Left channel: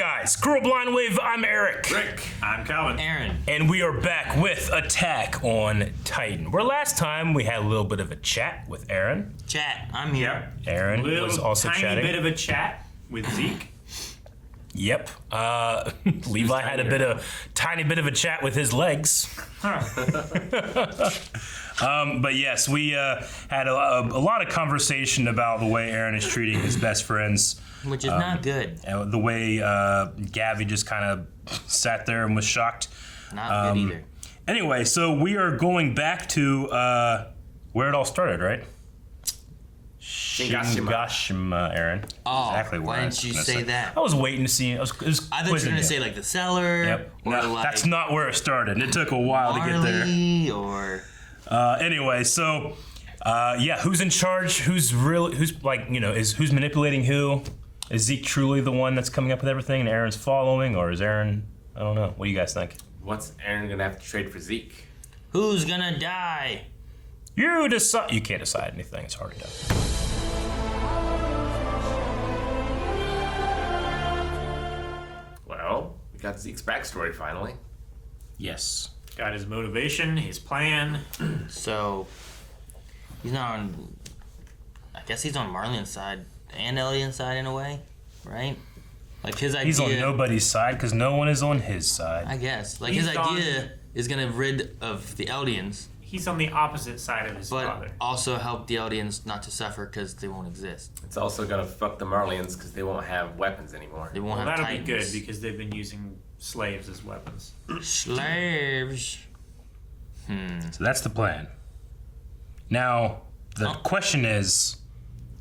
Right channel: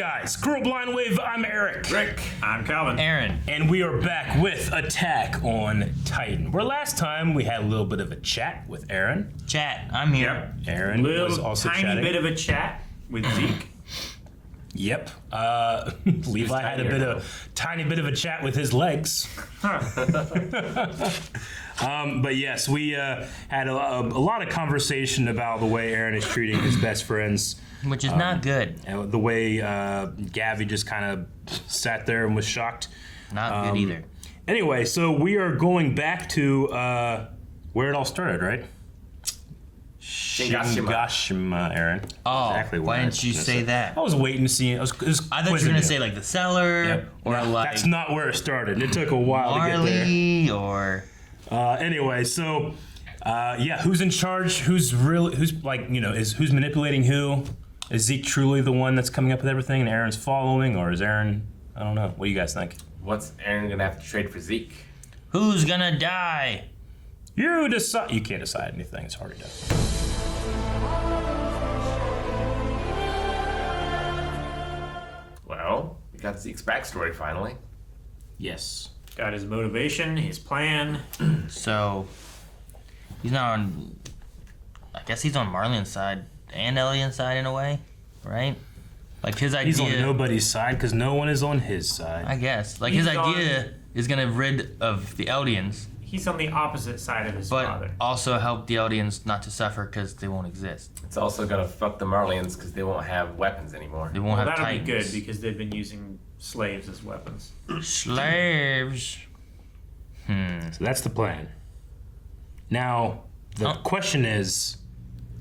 guys, Girl Blind Wave, I'm Eric. Rick. I'm Calvin. Aaron. And we are back with Attack on Titan. Where last time we had a little bit of a chat with Aaron. Chat, I'm here. Yep. Aaron Little was also tiny chatting. bit of a chat with Zeke. Yep. Levi had a tiny bit of a chat with his legs. But yes, we had a lot of conversation about the way Aaron is treating his best friends. Which is not good. And the way Gavi just kind of sat there and was shocked. Not good either. Anyway, so we are going back to where it all started, right? Shingashima, Aaron. Oh, exactly. why didn't you say that? I was waiting to see. I thought you were going to say like the cellar. Yep. Or No, like that's not where it started. It took a while to get there. Marley or... Anyway, so who's in charge? Who's who's manipulating who? Is Zeke truly the one that's coming up with everything and Aaron's following, or is Aaron? I don't know. What do you guys think? What's Aaron gonna have to trade for Zeke? Who's gonna die? You decide. You can't decide anything. It's hard to do. Well, we got Zeke's backstory finally. Yes. Got his motivation, his plan. So, he's not on... I guess he's on Marley's side and Elliot's side in a way, right? Like his idea... He's on nobody's side because no one is on his side. I guess. Like He's his idea is going to rid of the Eldians, He's on the opposite side of his but father. also help the Eldians not to suffer because they won't exist. It's also gonna fuck the Marlians because they won't have weapons anymore. They won't have That'll Titans. be good because they've been using slaves as weapons. Slaves. So that's the plan. Now, the question is...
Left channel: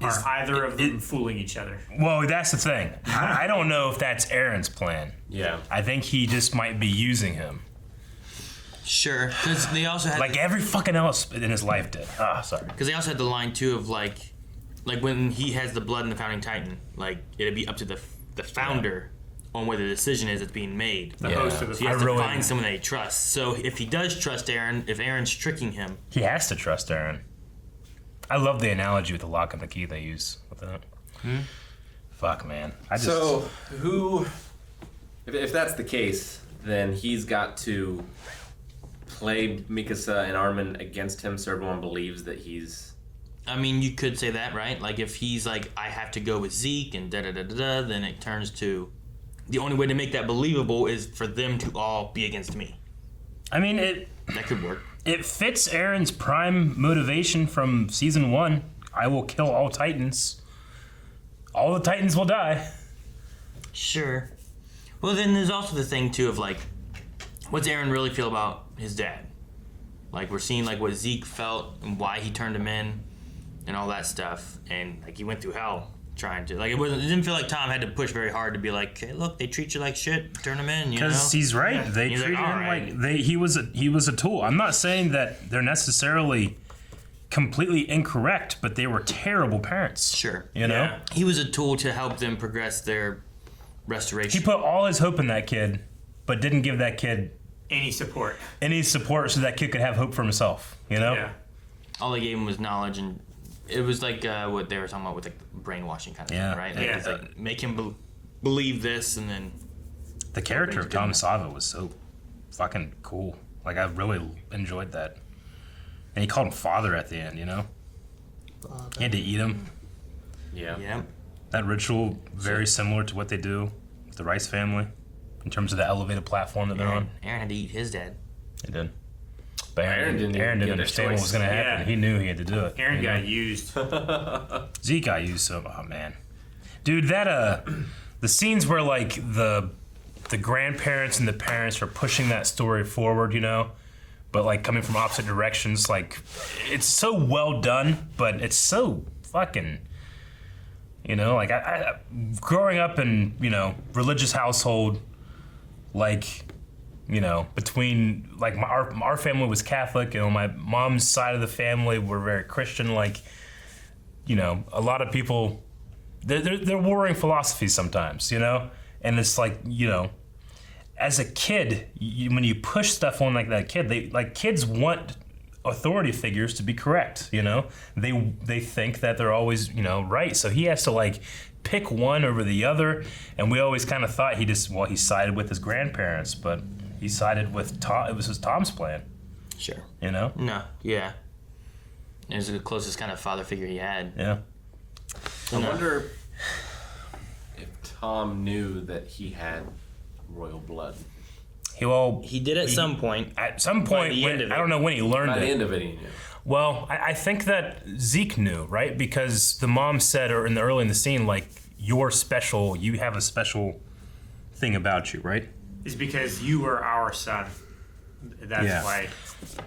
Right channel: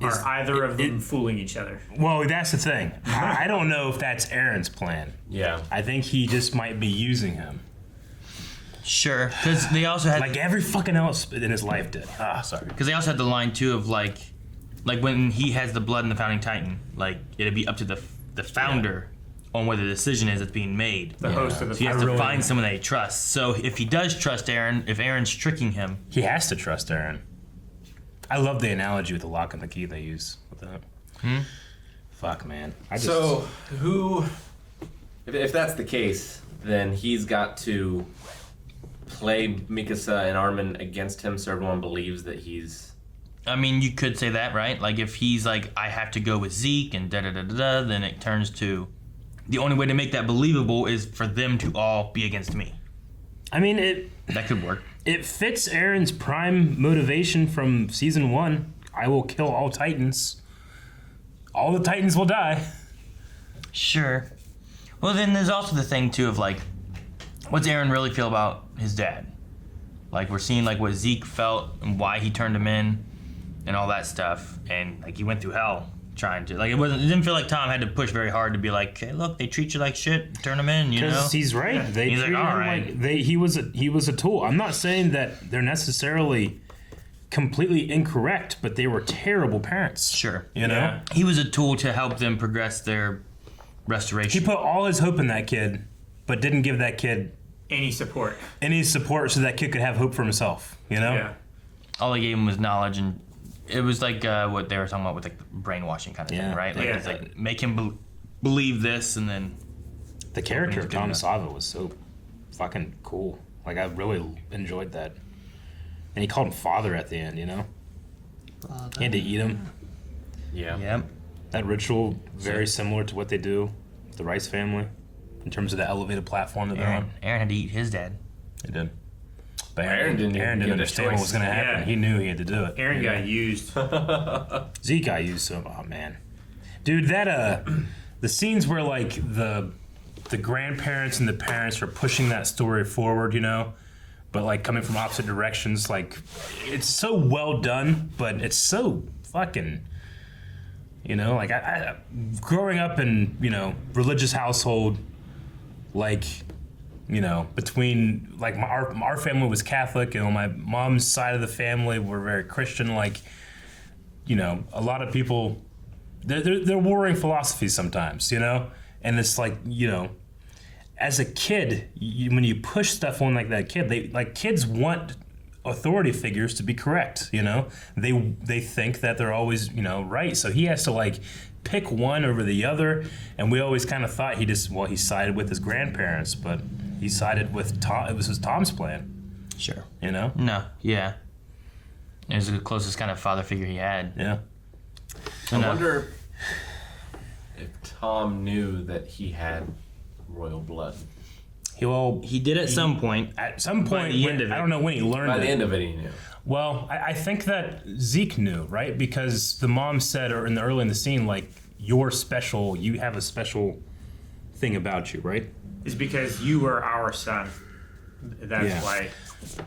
Are either of them fooling each other? Well, that's the thing. I don't know if that's Aaron's plan. Yeah. I think he just might be using him. Sure, because they also had Like every fucking else in his life did. Sorry. because they also had the line too of like when he has the blood in the founding Titan, like it'd be up to the founder on where the decision is that's being made. The host of the So he has to really- find someone that he trusts. So if he does trust Aaron, if Aaron's tricking him, He has to trust Aaron. I love the analogy with the lock and the key they use with that. Fuck, man. So who? If that's the case, then he's got to play Mikasa and Armin against him, so everyone believes that he's. I mean, you could say that, right? Like if he's like, I have to go with Zeke and da da da da da, then it turns to the only way to make that believable is for them to all be against me. I mean, That could work. it fits Aaron's prime motivation from season 1. I will kill all Titans. All the Titans will die. Sure. Well, then there's also the thing too of like, what's Aaron really feel about his dad? Like we're seeing like what Zeke felt and why he turned him in, and all that stuff, and like he went through hell trying to like it didn't feel like Tom had to push very hard to be like, hey, look, they treat you like shit, turn him in, you know? Because he's right. Yeah. They He's like, treated all him right. like he was a tool. I'm not saying that they're necessarily completely incorrect, but they were terrible parents. Sure. You know? Yeah. He was a tool to help them progress their restoration. He put all his hope in that kid, but didn't give that kid Any support? any support so that kid could have hope for himself. You know? Yeah. All they gave him was knowledge, and it was like what they were talking about with like brainwashing kind of Yeah. thing, right? Like Yeah. it's like make him believe this, and then The character of Tom Sava was so fucking cool. Like I really enjoyed that. And he called him father at the end, you know? He had to eat him. yeah. That ritual, very similar to what they do with the Rice family in terms of the elevated platform that they're on. Aaron had to eat his dad. They did. But Aaron didn't even get a understand what choice. was going to happen. Yeah. He knew he had to do it. Aaron you know? got used. Zeke got used to him. Oh, man. Dude, that, the scenes where, like, the grandparents and the parents are pushing that story forward, you know? But, like, coming from opposite directions, like, it's so well done, but it's so fucking... You know, like I growing up in, you know, religious household, like, you know, between like our family was Catholic, and on my mom's side of the family were very Christian. Like, you know, a lot of people, they're warring philosophies sometimes, you know, and it's like, you know, as a kid, when you push stuff on like that kid, kids want authority figures to be correct, you know. They think that they're always, you know, right. So he has to like pick one over the other, and we always kind of thought he sided with his grandparents, but he sided with Tom. It was Tom's plan. Sure. You know? No. Yeah. It was the closest kind of father figure he had. Yeah. I wonder if Tom knew that he had royal blood. He did at some point. At some point, I don't know when he learned By it. the end of it, he knew. Well, I think that Zeke knew, right? Because the mom said early in the scene, like, you're special, you have a special thing about you, right? Is because you are our son. That's Yeah. why,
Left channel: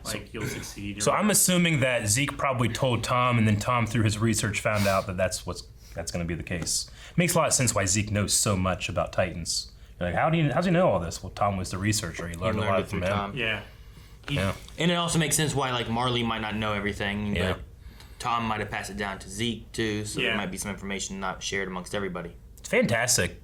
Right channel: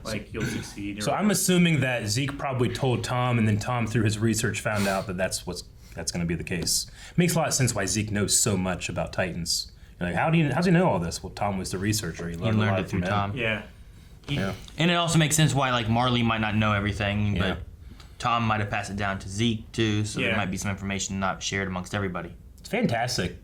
like, you'll succeed. or So I'm whatever. assuming that Zeke probably told Tom, and then Tom, through his research, found out that that's going to be the case. Makes a lot of sense why Zeke knows so much about Titans. You're like, how's he know all this? Well, Tom was the researcher. He learned a lot it from from him. Tom. Yeah. Yeah. And it also makes sense why, like, Marley might not know everything, Yeah. but Tom might have passed it down to Zeke, too, so there Yeah. might be some information not shared amongst everybody. It's fantastic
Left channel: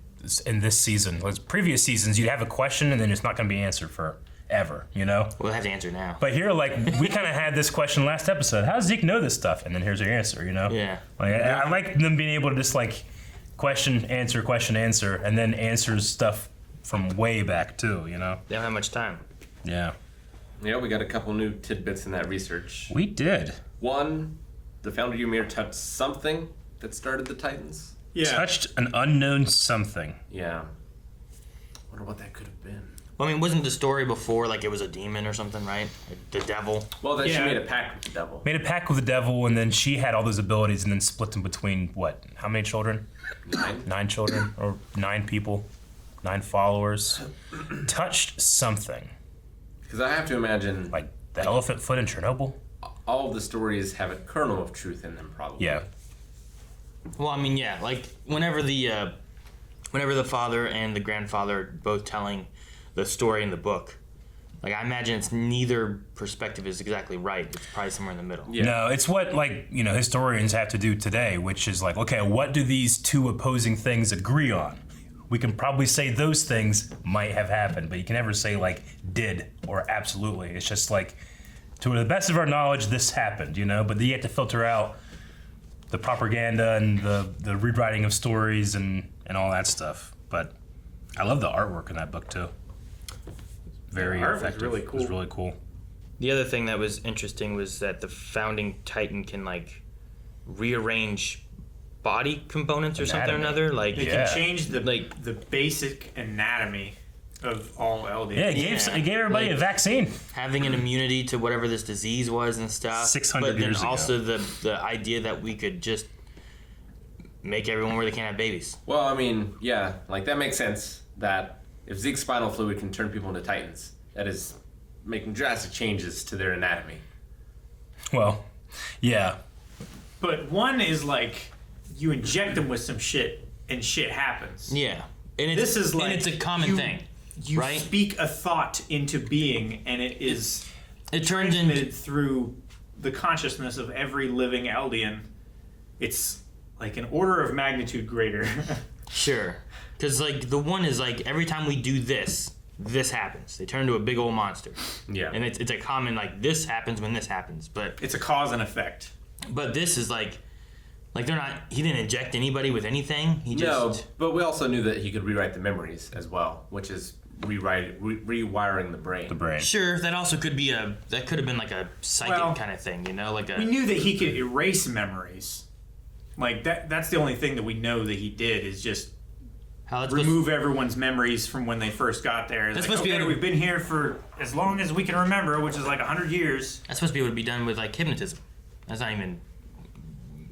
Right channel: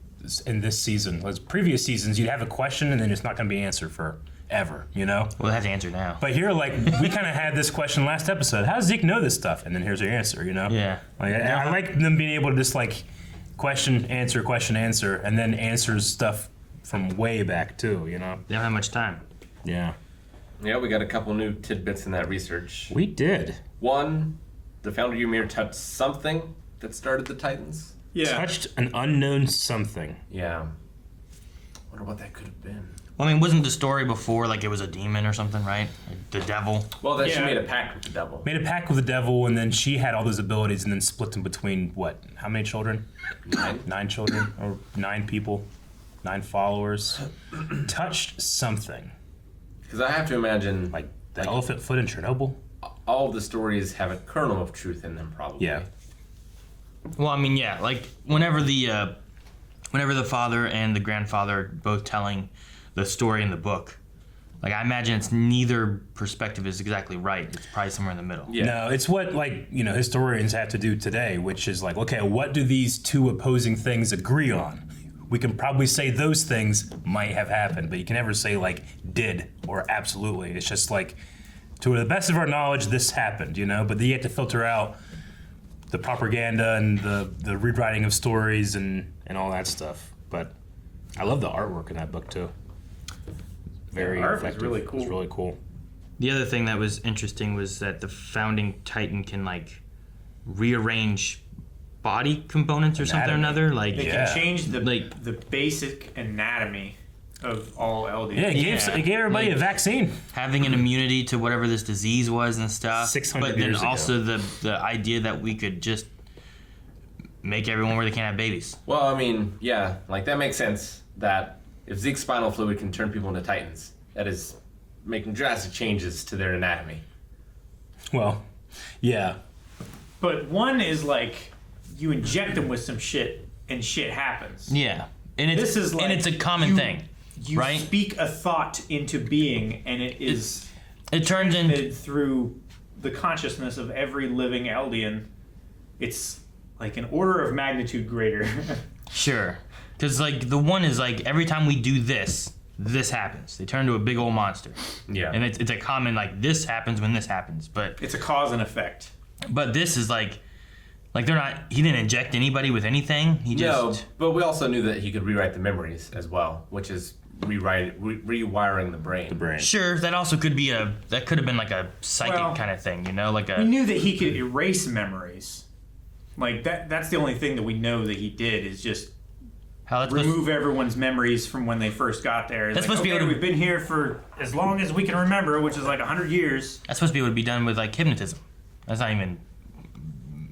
in this season. Like previous seasons, you have a question, and then it's not going to be answered forever, you know? We'll have to answer now. But here, like, we kind of had this question last episode. How does Zeke know this stuff? And then here's your answer, you know? Yeah. Like, I like them being able to just, like, question, answer, and then answers stuff from way back, too, you know? They don't have much time. Yeah. Yeah, we got a couple new tidbits in that research. We did. One, the founder Ymir touched something that started the Titans. Yeah. Touched an unknown something. Yeah. Wonder what that could have been. Well, I mean, wasn't the story before, like, it was a demon or something, right? The devil? Well, that she Yeah. made a pact with the devil. Made a pact with the devil, and then she had all those abilities, and then split them between, what, how many children? 9. 9 children, or 9 people, 9 followers. Touched something. Because I have to imagine, Like the elephant foot in Chernobyl? all of the stories have a kernel of truth in them, probably. Yeah. Well, I mean, yeah, like, whenever the father and the grandfather are both telling the story in the book, like, I imagine it's neither perspective is exactly right. It's probably somewhere in the middle. Yeah. No, it's what, like, you know, historians have to do today, which is like, okay, what do these two opposing things agree on? We can probably say those things might have happened, but you can never say, like, did or absolutely. It's just like, to the best of our knowledge, this happened, you know? But you have to filter out the propaganda and the rewriting of stories and all that stuff. But I love the artwork in that book, too. Very The art was effective. really It was cool. really cool. The other thing that was interesting was that the founding Titan can, like, rearrange body components or something or Anatomy. another. Like, They Yeah. can change the Like- the basic anatomy of all Eldians. Yeah, it gave everybody a vaccine. having an immunity to whatever this disease was and stuff. 600 but then years ago. also the idea that we could just make everyone where they can't have babies. Well, I mean, yeah, like that makes sense that if Zeke's spinal fluid can turn people into Titans, that is making drastic changes to their anatomy. Well, yeah. But one is like you inject them with some shit and shit happens. Yeah, and it's This is like and it's a common you- thing, You right? speak a thought into being, and it is It turns into transmitted through the consciousness of every living Eldian. It's like an order of magnitude greater. sure, because like the one is like every time we do this, this happens. They turn into a big old monster, Yeah. and it's a common like this happens when this happens, but It's a cause and effect. this is like they're not. He didn't inject anybody with anything. He No, just but we also knew that he could rewrite the memories as well, which is rewiring the brain. The brain. Sure, that also could be that could have been like a psychic Well, kind of thing, you know, like We a knew that he could erase memories. Like that's the only thing that we know that he did is just how that's remove everyone's memories from when they first got there. It's That's like, supposed to be okay, able to- we've been here for as long as we can remember, which is like 100 years. that's supposed to be able to be done with like hypnotism. That's not even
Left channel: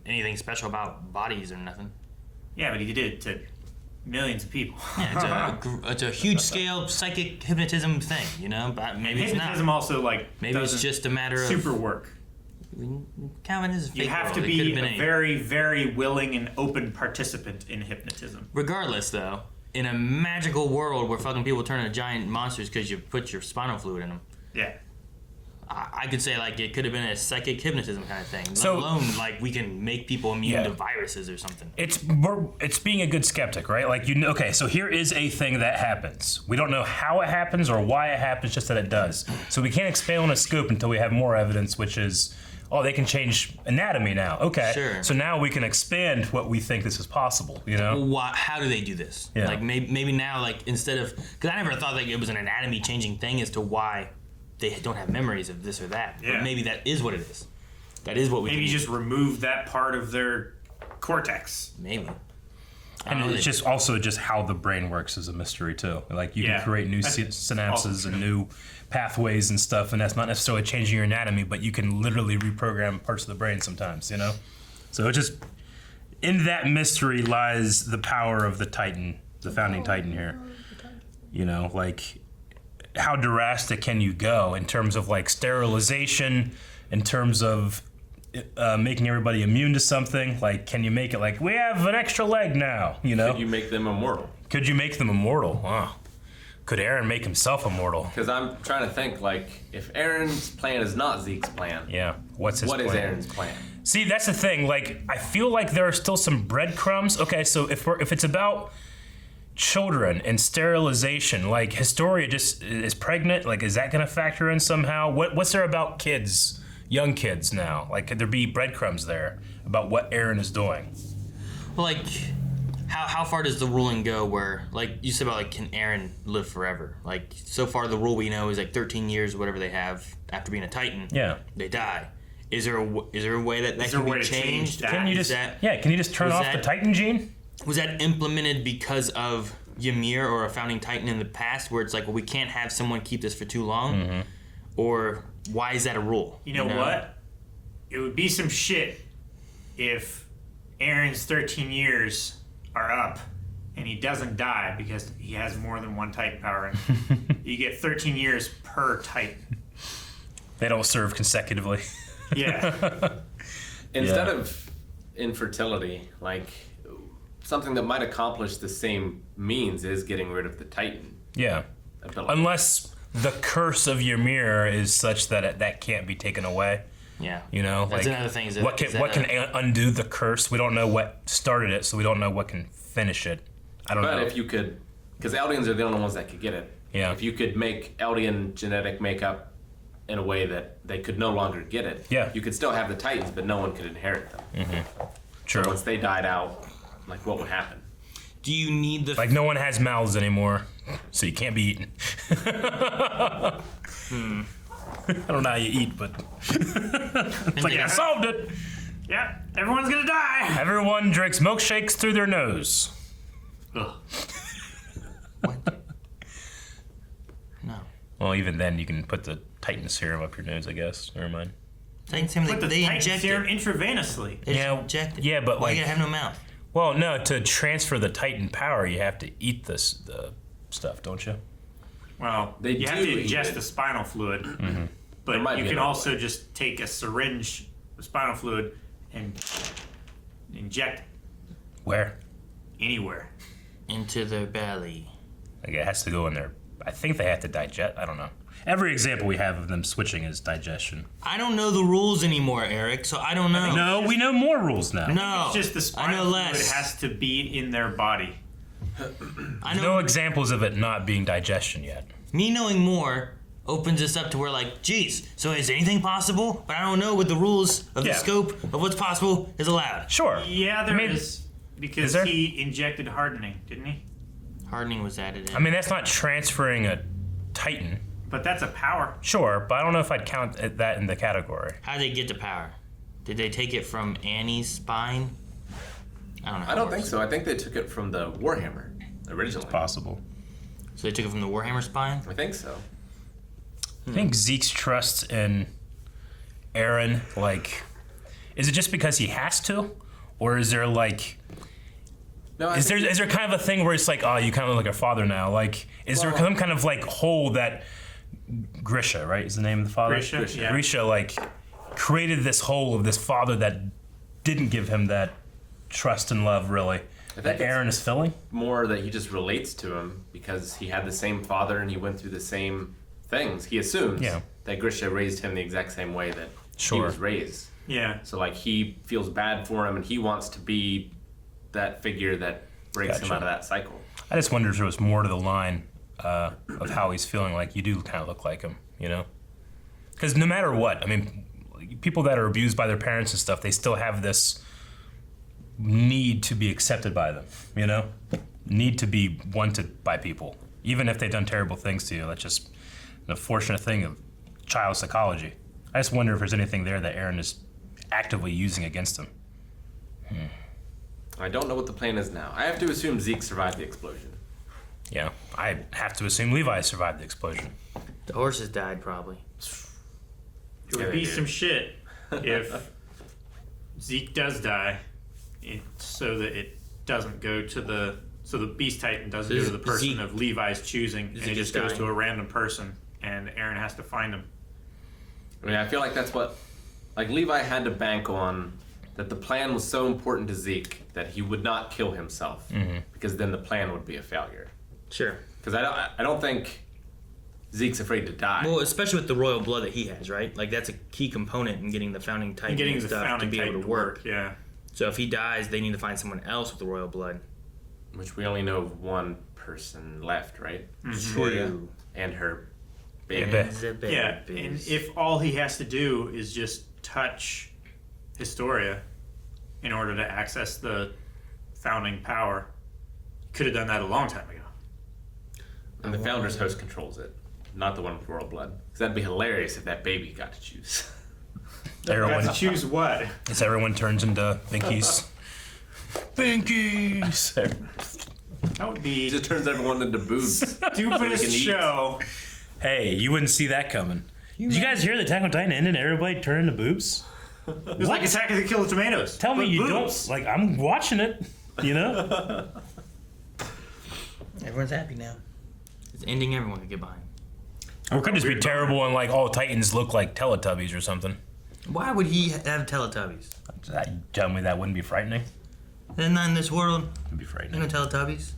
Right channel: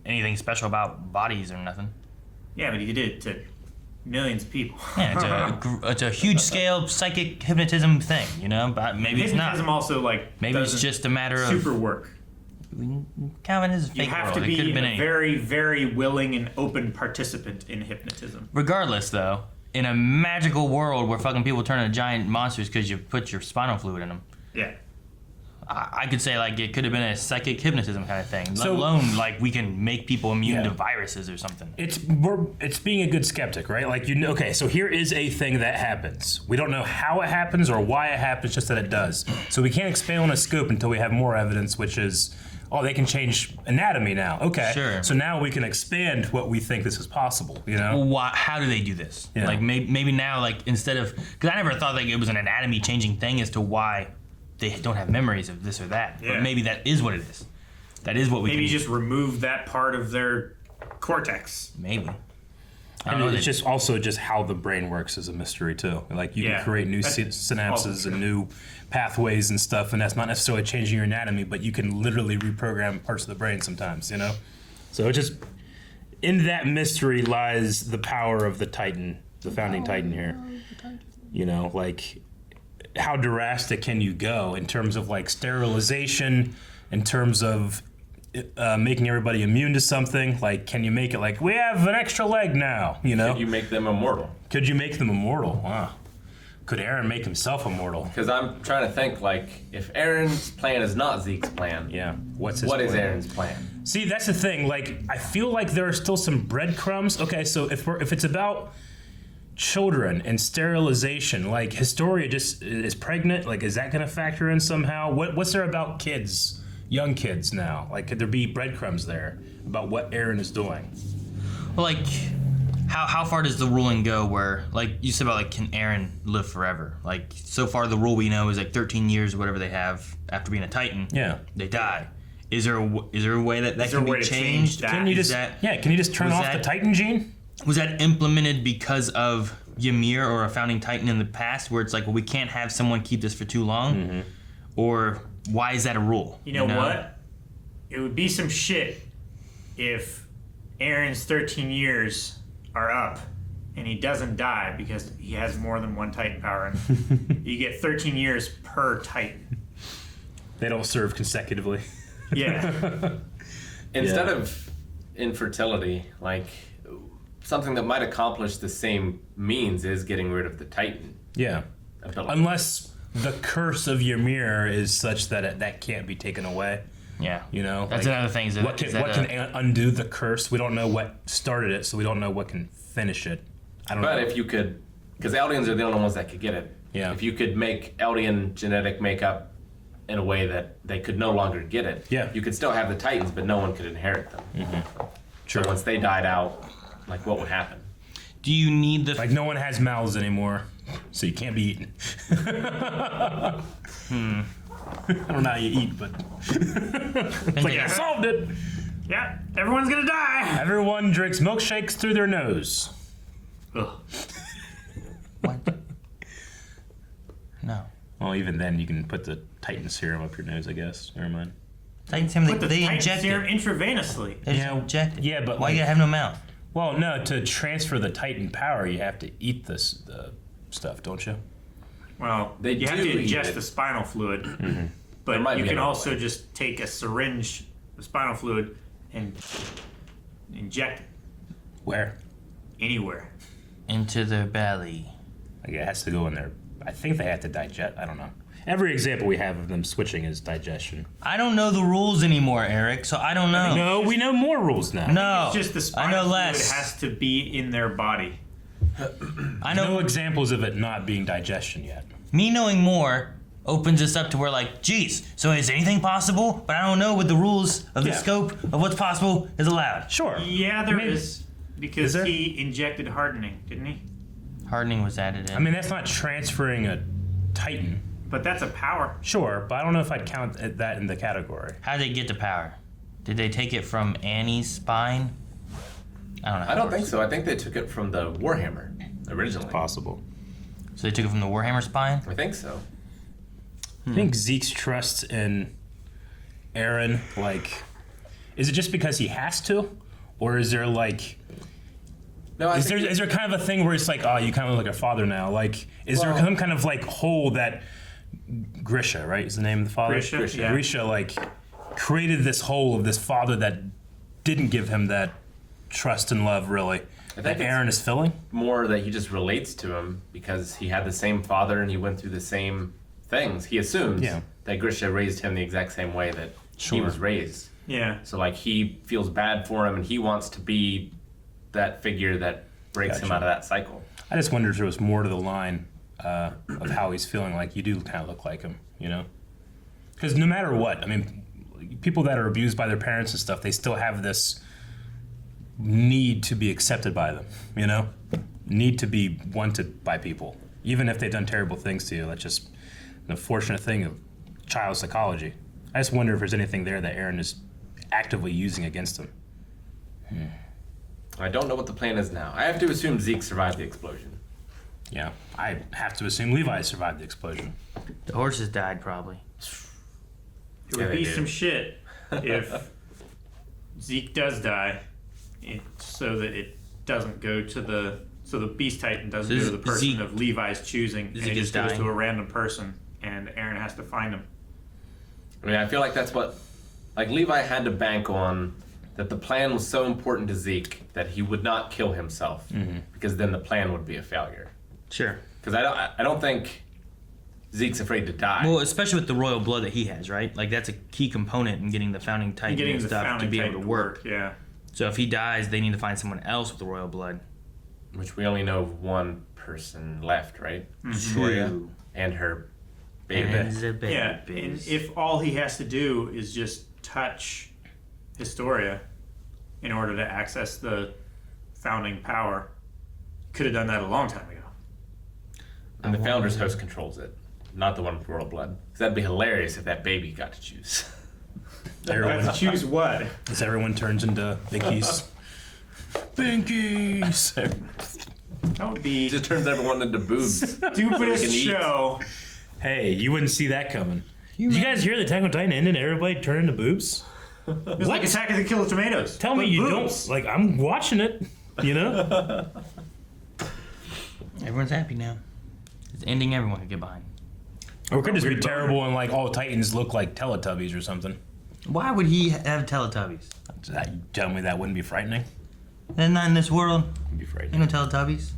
anything special about bodies or nothing. Yeah, but he did it to millions of people. Yeah, it's a huge scale psychic hypnotism thing, you know. But maybe it's Hypnotism not. also like Maybe it's doesn't just a matter of super work. Calvin is a fake You have world. to It could be have been a any. very, very willing and open participant in hypnotism. Regardless, though, in a magical world where fucking people turn into giant monsters because you put your spinal fluid in them, Yeah. I could say like it could have been a psychic hypnotism kind of thing. So- let alone like we can make people immune Yeah. to viruses or something. It's being a good skeptic, right? Like, you know, okay, so here is a thing that happens. We don't know how it happens or why it happens, just that it does. So we can't expand on a scope until we have more evidence, which is oh, they can change anatomy now. Okay. Sure. So now we can expand what we think this is possible, you know? Well, how do they do this? Yeah. Like maybe now, like instead of, because I never thought like it was an anatomy changing thing as to why they don't have memories of this or that. Yeah. But maybe that is what it is. That is what we Maybe can just remove that part of their cortex. maybe. I don't And know. it's just also just how the brain works is a mystery too. Like you Yeah. can create new That's synapses also and true. new pathways and stuff, and that's not necessarily changing your anatomy, but you can literally reprogram parts of the brain sometimes, you know? So it just, in that mystery lies the power of the Titan, the founding Titan here. You know, like how drastic can you go in terms of like sterilization, in terms of making everybody immune to something? Like, can you make it like, we have an extra leg now, you know? Could you make them immortal? Could you make them immortal? Wow. Could Aaron make himself immortal? Because I'm trying to think, like, if Aaron's plan is not Zeke's plan, Yeah. What's his what is plan? Aaron's plan? See, that's the thing. Like, I feel like there are still some breadcrumbs. Okay, so if it's about children and sterilization, like Historia just is pregnant, like is that going to factor in somehow? What's there about kids, young kids now? Like, could there be breadcrumbs there about what Aaron is doing? Well, like, how far does the ruling go where, like, you said about, like, can Aaron live forever? Like, so far the rule we know is, like, 13 years or whatever they have after being a Titan. Yeah. They die. Is there a way that Is can there a be way to change changed? that? Can you Is just that- can you just turn was off that- the Titan gene? Was that implemented because of Ymir or a founding Titan in the past where it's like, well, we can't have someone keep this for too long? Mm-hmm. Or why is that a rule? You know what? It would be some shit if Aaron's 13 years are up and he doesn't die because he has more than one Titan power. And you get 13 years per Titan. They don't serve consecutively. Yeah. Instead of infertility, like, something that might accomplish the same means is getting rid of the Titan Yeah. ability. Unless the curse of Ymir is such that that can't be taken away. Yeah. You know, That's another thing, is what can undo the curse? We don't know what started it, so we don't know what can finish it. I don't But know. if you could, because Eldians are the only ones that could get it. Yeah. If you could make Eldian genetic makeup in a way that they could no longer get it, Yeah. you could still have the Titans, but no one could inherit them. True. So once they died out, like, what would happen? Do you need the Like no one has mouths anymore, so you can't be eaten. I don't know how you eat, but it's like I solved it. Yeah. Everyone's gonna die. Everyone drinks milkshakes through their nose. Ugh. No. Well, even then, you can put the Titan serum up your nose, I guess. Never mind. Titan serum, Put the they Titan inject serum it. intravenously. They Yeah, inject it. yeah, but Why like- do you have no mouth? Well, no, to transfer the Titan power, you have to eat the stuff, don't you? Well, They you have do to eat ingest it. the spinal fluid. There But might you be can another also way. just take a syringe of spinal fluid and inject it Where? anywhere. Into the belly. Like it has to go in there. I think they have to digest. I don't know. Every example we have of them switching is digestion. I don't know the rules anymore, Eric, so I don't know. No, we know more rules now. No. It's just the I spinal know fluid less. has to be in their body. I No know. examples of it not being digestion yet. Me knowing more opens us up to where, like, geez, so is anything possible? But I don't know what the rules of the Yeah. scope of what's possible is allowed. Sure. Yeah, there I mean, is. Because there? he injected hardening, didn't he? Hardening was added in. I mean, that's not transferring a Titan. But that's a power. Sure, but I don't know if I'd count that in the category. How did they get the power? Did they take it from Annie's spine? I don't know. I don't think so. I think they took it from the Warhammer originally. Possible. So they took it from the Warhammer spine? I think so. I think Zeke's trust in Aaron, like, is it just because he has to? Or is there, like, No, I is think there kind of a thing where it's like, oh, you kind of look like a father now? Like, is there Well- some kind of, like, hole that Grisha, right, is the name of the father? Grisha, yeah. Grisha, like, created this hole of this father that didn't give him that trust and love, really, that think it's- Aaron is filling? more that he just relates to him because he had the same father and he went through the same things. He assumes Yeah. that Grisha raised him the exact same way that he Sure. was raised. Yeah. So, like, he feels bad for him and he wants to be that figure that breaks him Gotcha. out of that cycle. I just wonder if there was more to the line of how he's feeling. Like, you do kind of look like him, you know? Because no matter what, I mean, people that are abused by their parents and stuff, they still have this need to be accepted by them, you know? Need to be wanted by people. Even if they've done terrible things to you. That's just an unfortunate thing of child psychology. I just wonder if there's anything there that Aaron is actively using against him. I don't know what the plan is now. I have to assume Zeke survived the explosion. Yeah, I have to assume Levi survived the explosion. The horses died probably. It would be some shit if Zeke does die, so that it doesn't go to the Beast Titan doesn't go to the person Zeke, of Levi's choosing, and it is just goes dying. to a random person, and Aaron has to find him. I mean, I feel like that's what, like Levi had to bank on that the plan was so important to Zeke that he would not kill himself, because then the plan would be a failure. Sure. Because I don't think Zeke's afraid to die. Well, especially with the royal blood that he has, right? Like that's a key component in getting the founding titan And getting and the stuff founding to be Titan able to work. Yeah. So if he dies, they need to find someone else with the royal blood. Which we only know of one person left, right? Victoria and her baby. Yeah, and if all he has to do is just touch Historia in order to access the founding power, could have done that a long time ago. And the Founder's Host controls it, not the one with royal blood. Because that'd be hilarious if that baby got to choose. Everyone, Have to choose what? as everyone turns into Binkies. Binkies! That would be He just turns everyone into boobs. stupidest can eat. show. Hey, you wouldn't see that coming. Did you guys hear the Attack on Titan ended and everybody turned into boobs? It was like Attack of the Killer Tomatoes. Tell me but you boobs. don't. Like, I'm watching it, you know? Everyone's happy now. It's ending everyone can get behind. Or it could just be terrible and like all Titans look like Teletubbies or something. Why would he have Teletubbies? Tell me that wouldn't be frightening? They're not in this world. It'd be Ain't frightening. no Teletubbies.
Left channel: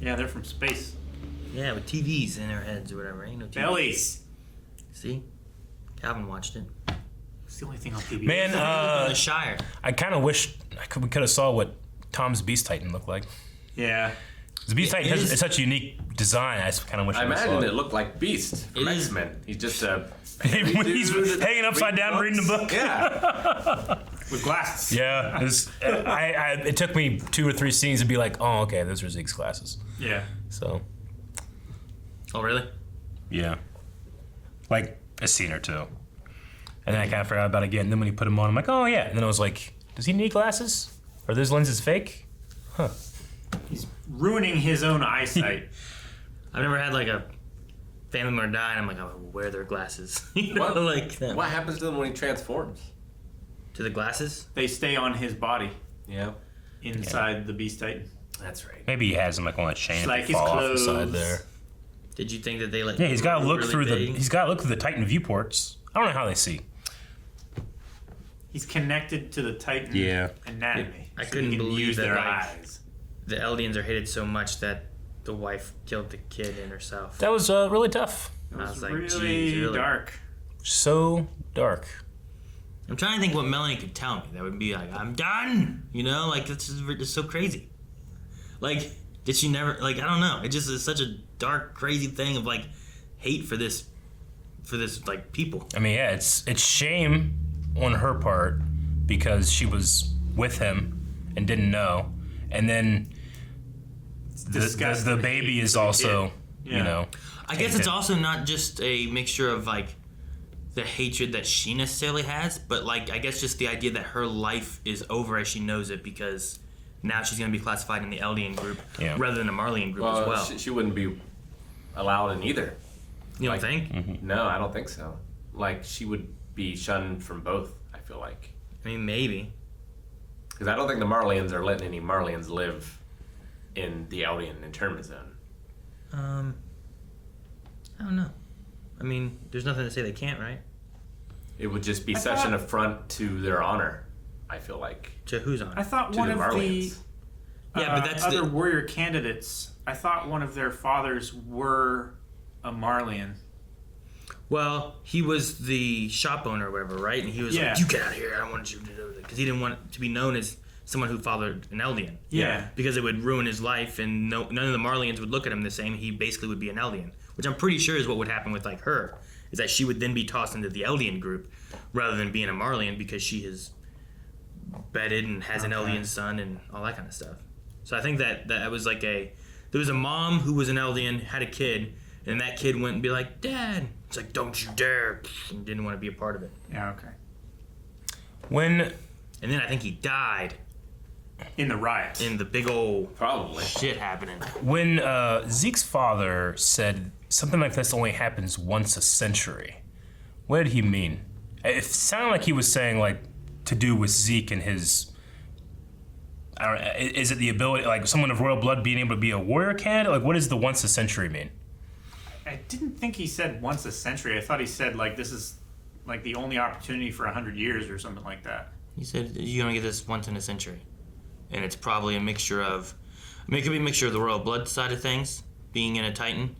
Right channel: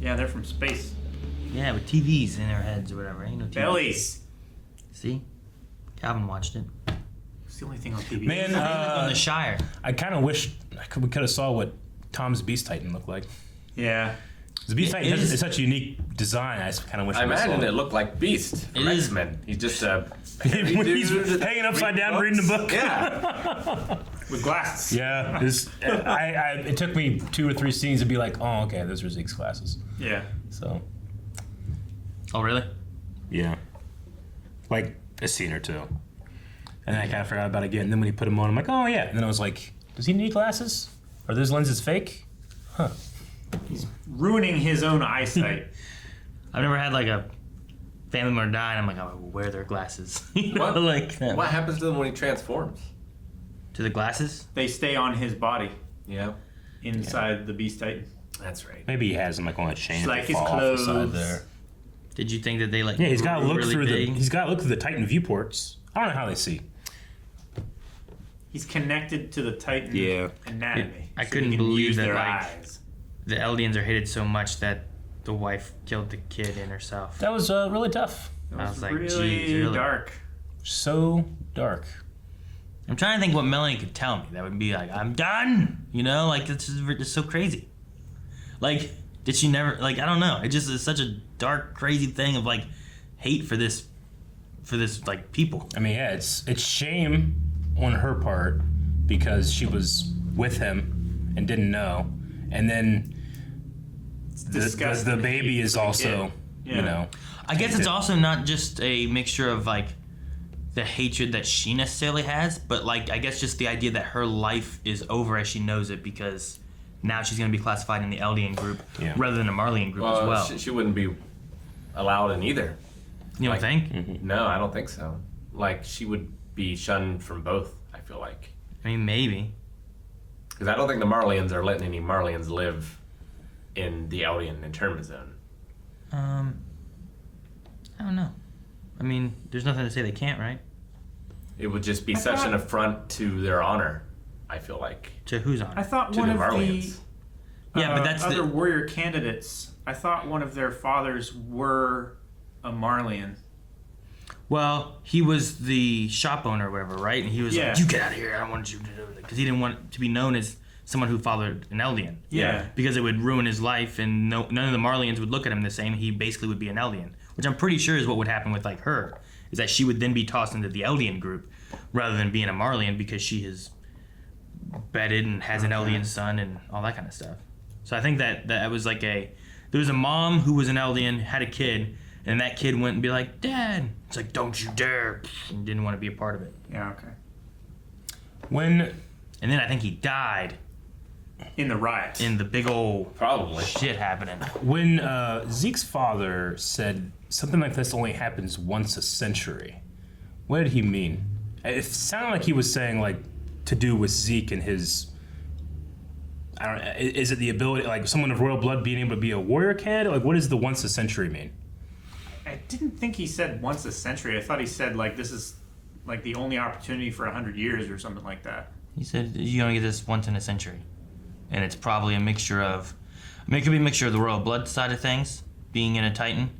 Yeah, they're from space. Yeah, with TVs in their heads or whatever. Ain't no TVs. Bellies. See? Calvin watched it. It's the only thing on TV. Man, On the Shire. I kind of wish we could have saw what Tom's Beast Titan looked like. Yeah. The Beast Titan is- is such a unique design. I kind of wish I we saw imagine it. it looked like Beast from It is- X-Men. He's just a When he's hanging upside down reading the book. Yeah. With glasses. Yeah, it took me 2 or 3 scenes to be like, oh, okay, those are Zeke's glasses. Yeah. So, Oh, really? yeah. Like, a scene or two. And then I kind of forgot about it again. And then when he put them on, I'm like, oh, yeah. And then I was like, does he need glasses? Are those lenses fake? He's ruining his own eyesight. I've never had like a family member die and I'm like, I would wear their glasses. You know, What? like that. What happens to them when he transforms? To the glasses? They stay on his body Yeah. inside the Beast Titan. That's right. Maybe he has them like on a chain Like and his fall off the clothes. side there. Did you think that they like? Yeah, he's got to were look really through big? he's got to look through the Titan viewports. I don't know how they see. He's connected to the Titan Yeah. anatomy. I so couldn't he can believe use that, their like, eyes. The Eldians are hated so much that the wife killed the kid and herself. That was really tough. That I was was like, really geez, really? dark. So dark. I'm trying to think what Melanie could tell me that would be like, I'm done. You know, like it's just so crazy. Like, did she never? Like, I don't know. It just is such a dark, crazy thing of like hate for this like people. I mean, yeah, it's shame on her part because she was with him and didn't know, and then the disgusting baby hate is for the also, kid. you Yeah. know. I guess it's tainted. also not just a mixture of like the hatred that she necessarily has, but like I guess just the idea that her life is over as she knows it because now she's going to be classified in the Eldian group Yeah. rather than a Marleyan group Well, as well. she wouldn't be allowed in either. You don't like- think? No, I don't think so. Like, she would be shunned from both, I feel like. I mean, maybe. Because I don't think the Marleyans are letting any Marleyans live in the Eldian internment zone. I don't know. I mean, there's nothing to say they can't, right? It would just be I such thought- an affront to their honor, I feel like. To who's on? I thought To one the of Marleyans. the Yeah, but that's other the- warrior candidates. I thought one of their fathers were a Marleyan. Well, he was the shop owner or whatever, right? And he was Yeah. like, "You get out of here! I don't want you to do it," because he didn't want to be known as someone who fathered an Eldian. Yeah. Because it would ruin his life, and none of the Marleyans would look at him the same. He basically would be an Eldian, which I'm pretty sure is what would happen with like her. is that she would then be tossed into the Eldian group rather than being a Marleyan because she is bedded and has an Eldian son and all that kind of stuff. So I think that was like there was a mom who was an Eldian, had a kid, and that kid went and be like, Dad. It's like, don't you dare. And didn't want to be a part of it. Yeah, okay. And then I think he died In the riots. in the big old Probably. shit happening. When Zeke's father said something like this only happens once a century, what did he mean? It sounded like he was saying like to do with Zeke and his. I don't know, is it the ability, like someone of royal blood being able to be a warrior candidate? Like, what does the once a century mean? I didn't think he said once a century. I thought he said like this is like the only opportunity for 100 years or something like that. He said, you're going to get this once in a century. And it's probably a mixture of, it could be a mixture of the royal blood side of things, being in a Titan,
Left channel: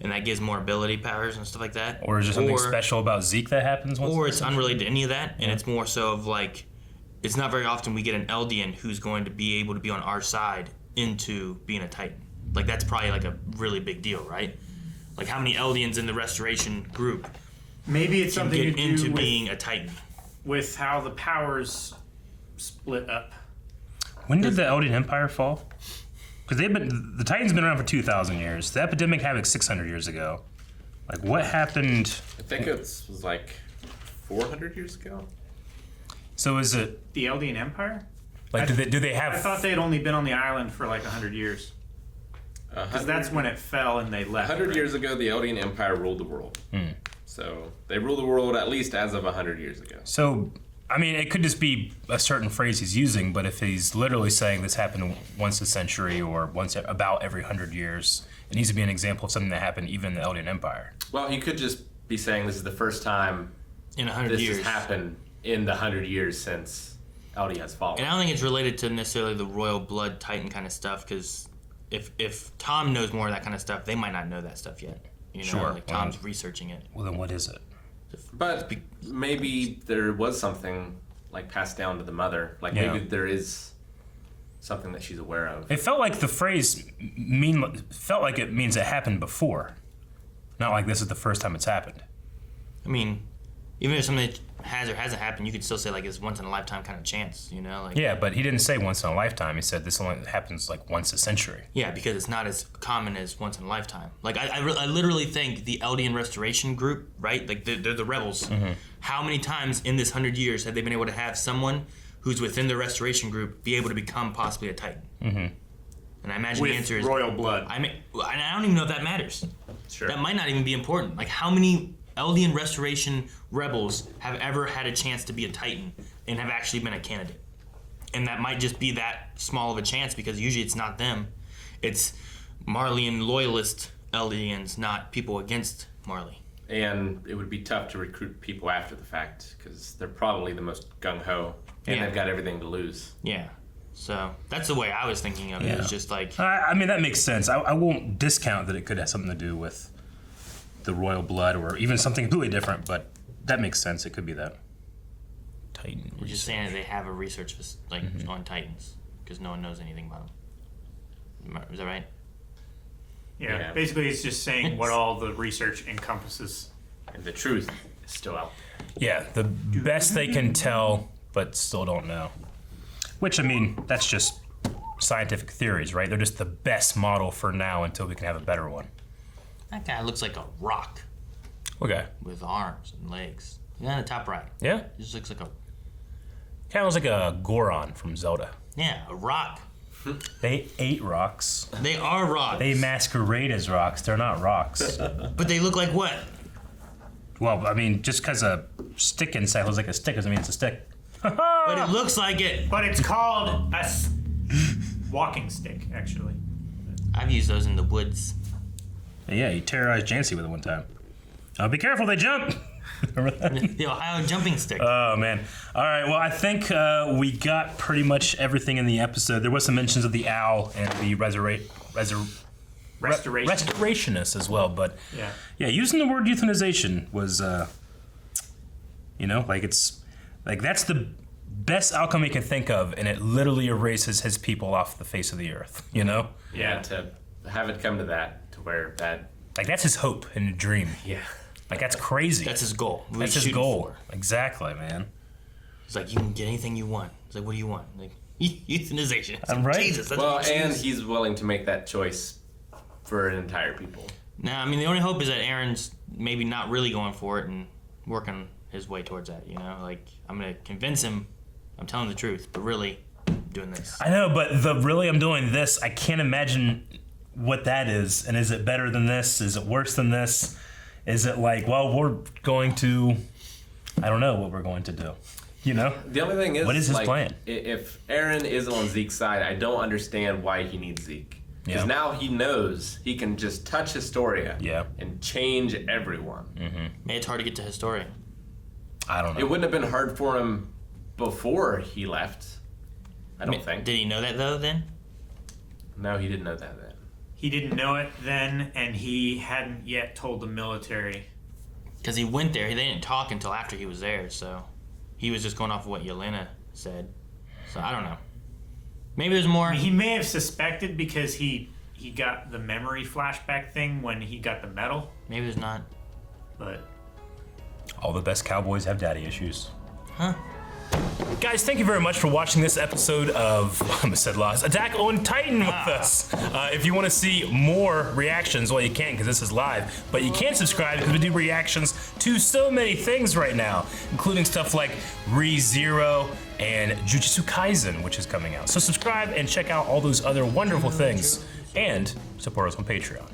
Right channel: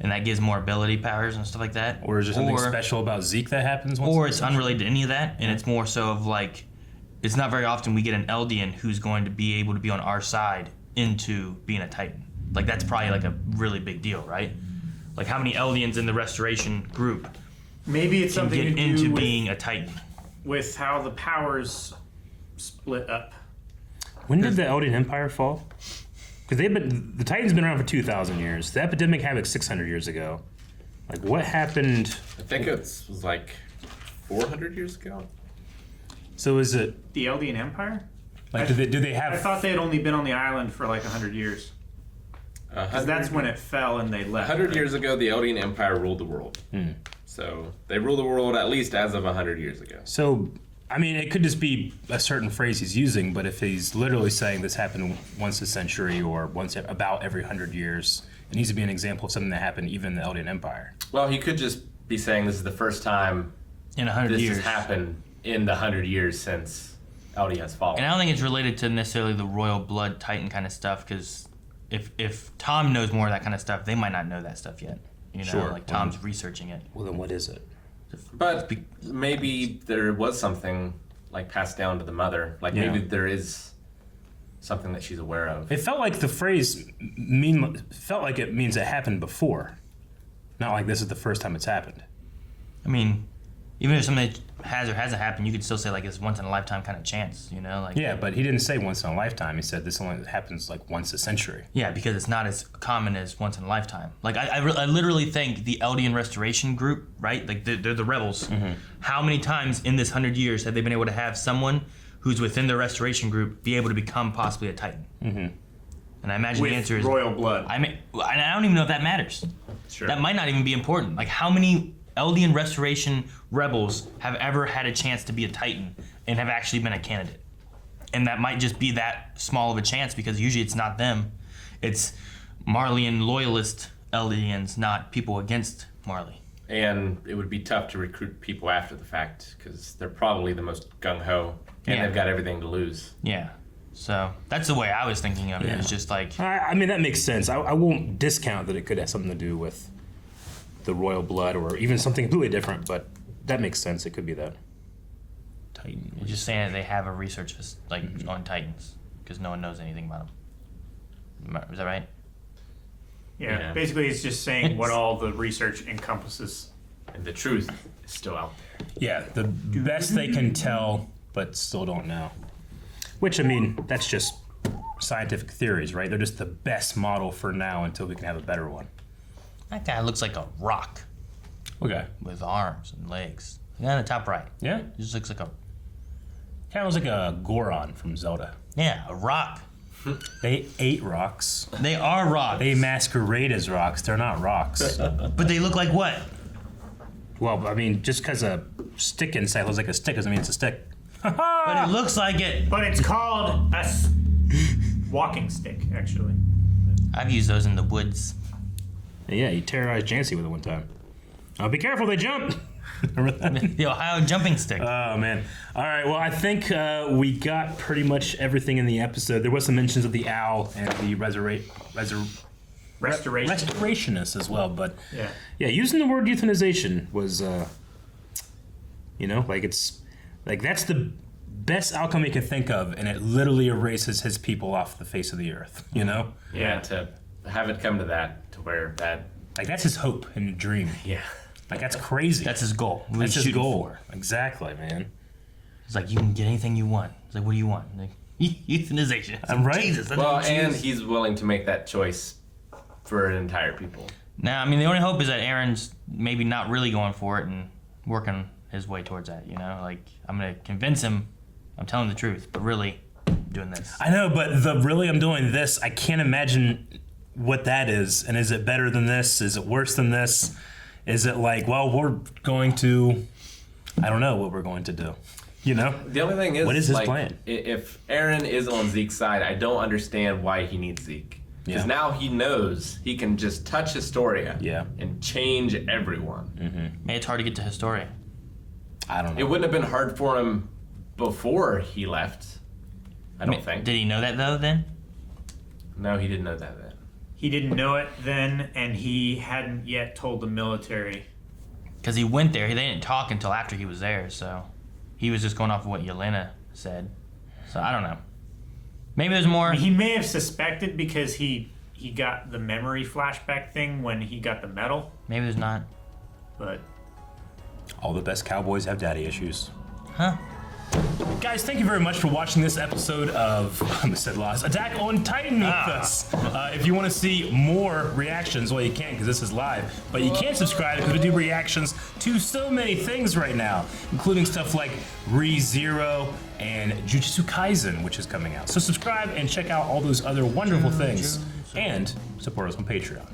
and that gives more ability powers and stuff like that. Or is there something special about Zeke that happens once? Or it's unrelated to any of that, and it's more so of like, it's not very often we get an Eldian who's going to be able to be on our side into being a Titan. Like, that's probably like a really big deal, right? Like, how many Eldians in the Restoration group Maybe it's can something get to into do with, being a Titan? with how the powers split up. When did the Eldian Empire fall? Because the Titans been around for 2,000 years. The epidemic happened 600 years ago. Like, what happened? I think it was like 400 years ago. So is it The Eldian Empire? like do they have? I thought they had only been on the island for like 100 years. 'Cause that's when it fell and they left. 100 right? years ago, the Eldian Empire ruled the world. So they ruled the world at least as of 100 years ago. So, I mean, it could just be a certain phrase he's using, but if he's literally saying this happened once a century or once about every 100 years, it needs to be an example of something that happened even in the Eldian Empire. Well, he could just be saying this is the first time In 100 this years. has happened in the 100 years since Eldi has fallen. And I don't think it's related to necessarily the royal blood Titan kind of stuff, because if Tom knows more of that kind of stuff, they might not know that stuff yet. You know, Sure. like Tom's researching it. Well, then what is it? But maybe there was something like passed down to the mother. Like maybe there is something that she's aware of. It felt like the phrase felt like it means it happened before, not like this is the first time it's happened. I mean, even if something has or hasn't happened, you could still say like it's once in a lifetime kind of chance, you know? Like, Yeah, but he didn't say once in a lifetime. He said this only happens like once a century. yeah, because it's not as common as once in a lifetime. Like I literally think the Eldian Restoration group, right? Like they're the rebels. How many times in this 100 years have they been able to have someone who's within the Restoration group be able to become possibly a Titan? And I imagine the With answer is royal blood. I don't even know if that matters. Sure. That might not even be important. Like, how many Eldian Restoration rebels have ever had a chance to be a Titan and have actually been a candidate? And that might just be that small of a chance, because usually it's not them. It's Marleyan loyalist Eldians, not people against Marley. And it would be tough to recruit people after the fact because they're probably the most gung-ho and Yeah. they've got everything to lose. Yeah. So that's the way I was thinking of it. Yeah. It's just like, I mean, that makes sense. I won't discount that it could have something to do with the royal blood or even something completely different, but that makes sense. It could be that. Titan. we're just saying that they have a research on Titans because no one knows anything about them. Is that right? Yeah. Basically, it's just saying what all the research encompasses. And the truth is still out there. Yeah, the best they can tell, but still don't know. Which, I mean, that's just scientific theories, right? They're just the best model for now until we can have a better one. That guy looks like a rock Okay. with arms and legs. The guy on the top right. Yeah? He just looks like a, Kind of looks like a Goron from Zelda. yeah, a rock. They ate rocks. They are rocks. They masquerade as rocks. They're not rocks. But they look like what? Well, I mean, just because a stick inside looks like a stick doesn't mean it's a stick. But it looks like it. But it's called a walking stick, actually. I've used those in the woods. Yeah, you terrorized Jancy with it one time. Be careful, they jump! Remember that? The Ohio jumping stick. Oh, man. All right, well, I think we got pretty much everything in the episode. There was some mentions of the owl and the restorationist as well, but yeah, using the word euthanization was, like it's, like that's the best outcome he can think of, and it literally erases his people off the face of the earth, you know? Yeah, to have it come to that, to where that, Like that's his hope and dream. yeah. Like, that's crazy. That's his goal. What That's he's his shooting goal. for. Exactly, man. He's like, you can get anything you want. He's like, what do you want? Like, euthanization. It's I'm like, right. Jesus, that's Well, what you and choose. he's willing to make that choice for an entire people. Now, I mean, the only hope is that Aaron's maybe not really going for it and working his way towards that, you know? Like, I'm going to convince him I'm telling the truth, but really doing this. I know, but I'm doing this. I can't imagine what that is. And is it better than this? Is it worse than this? Is it like, well, we're going to, I don't know what we're going to do. You know? The only thing is, What is his like, plan? If Aaron is on Zeke's side, I don't understand why he needs Zeke. Because Yeah. now he knows he can just touch Historia Yeah. and change everyone. Maybe it's hard to get to Historia. I don't know. It wouldn't have been hard for him before he left. I don't think. Did he know that, though, then? No, he didn't know that then. He didn't know it then, and he hadn't yet told the military. Because he went there. They didn't talk until after he was there, so he was just going off of what Yelena said. So I don't know. Maybe there's more. He may have suspected because he got the memory flashback thing when he got the medal, Maybe there's not. but All the best cowboys have daddy issues. Huh? Guys, thank you very much for watching this episode of Attack on Titan with us. If you want to see more reactions, well, you can't because this is live, but you can subscribe because we do reactions to so many things right now, including stuff like ReZero and Jujutsu Kaisen, which is coming out. So subscribe and check out all those other wonderful things, and support us on Patreon.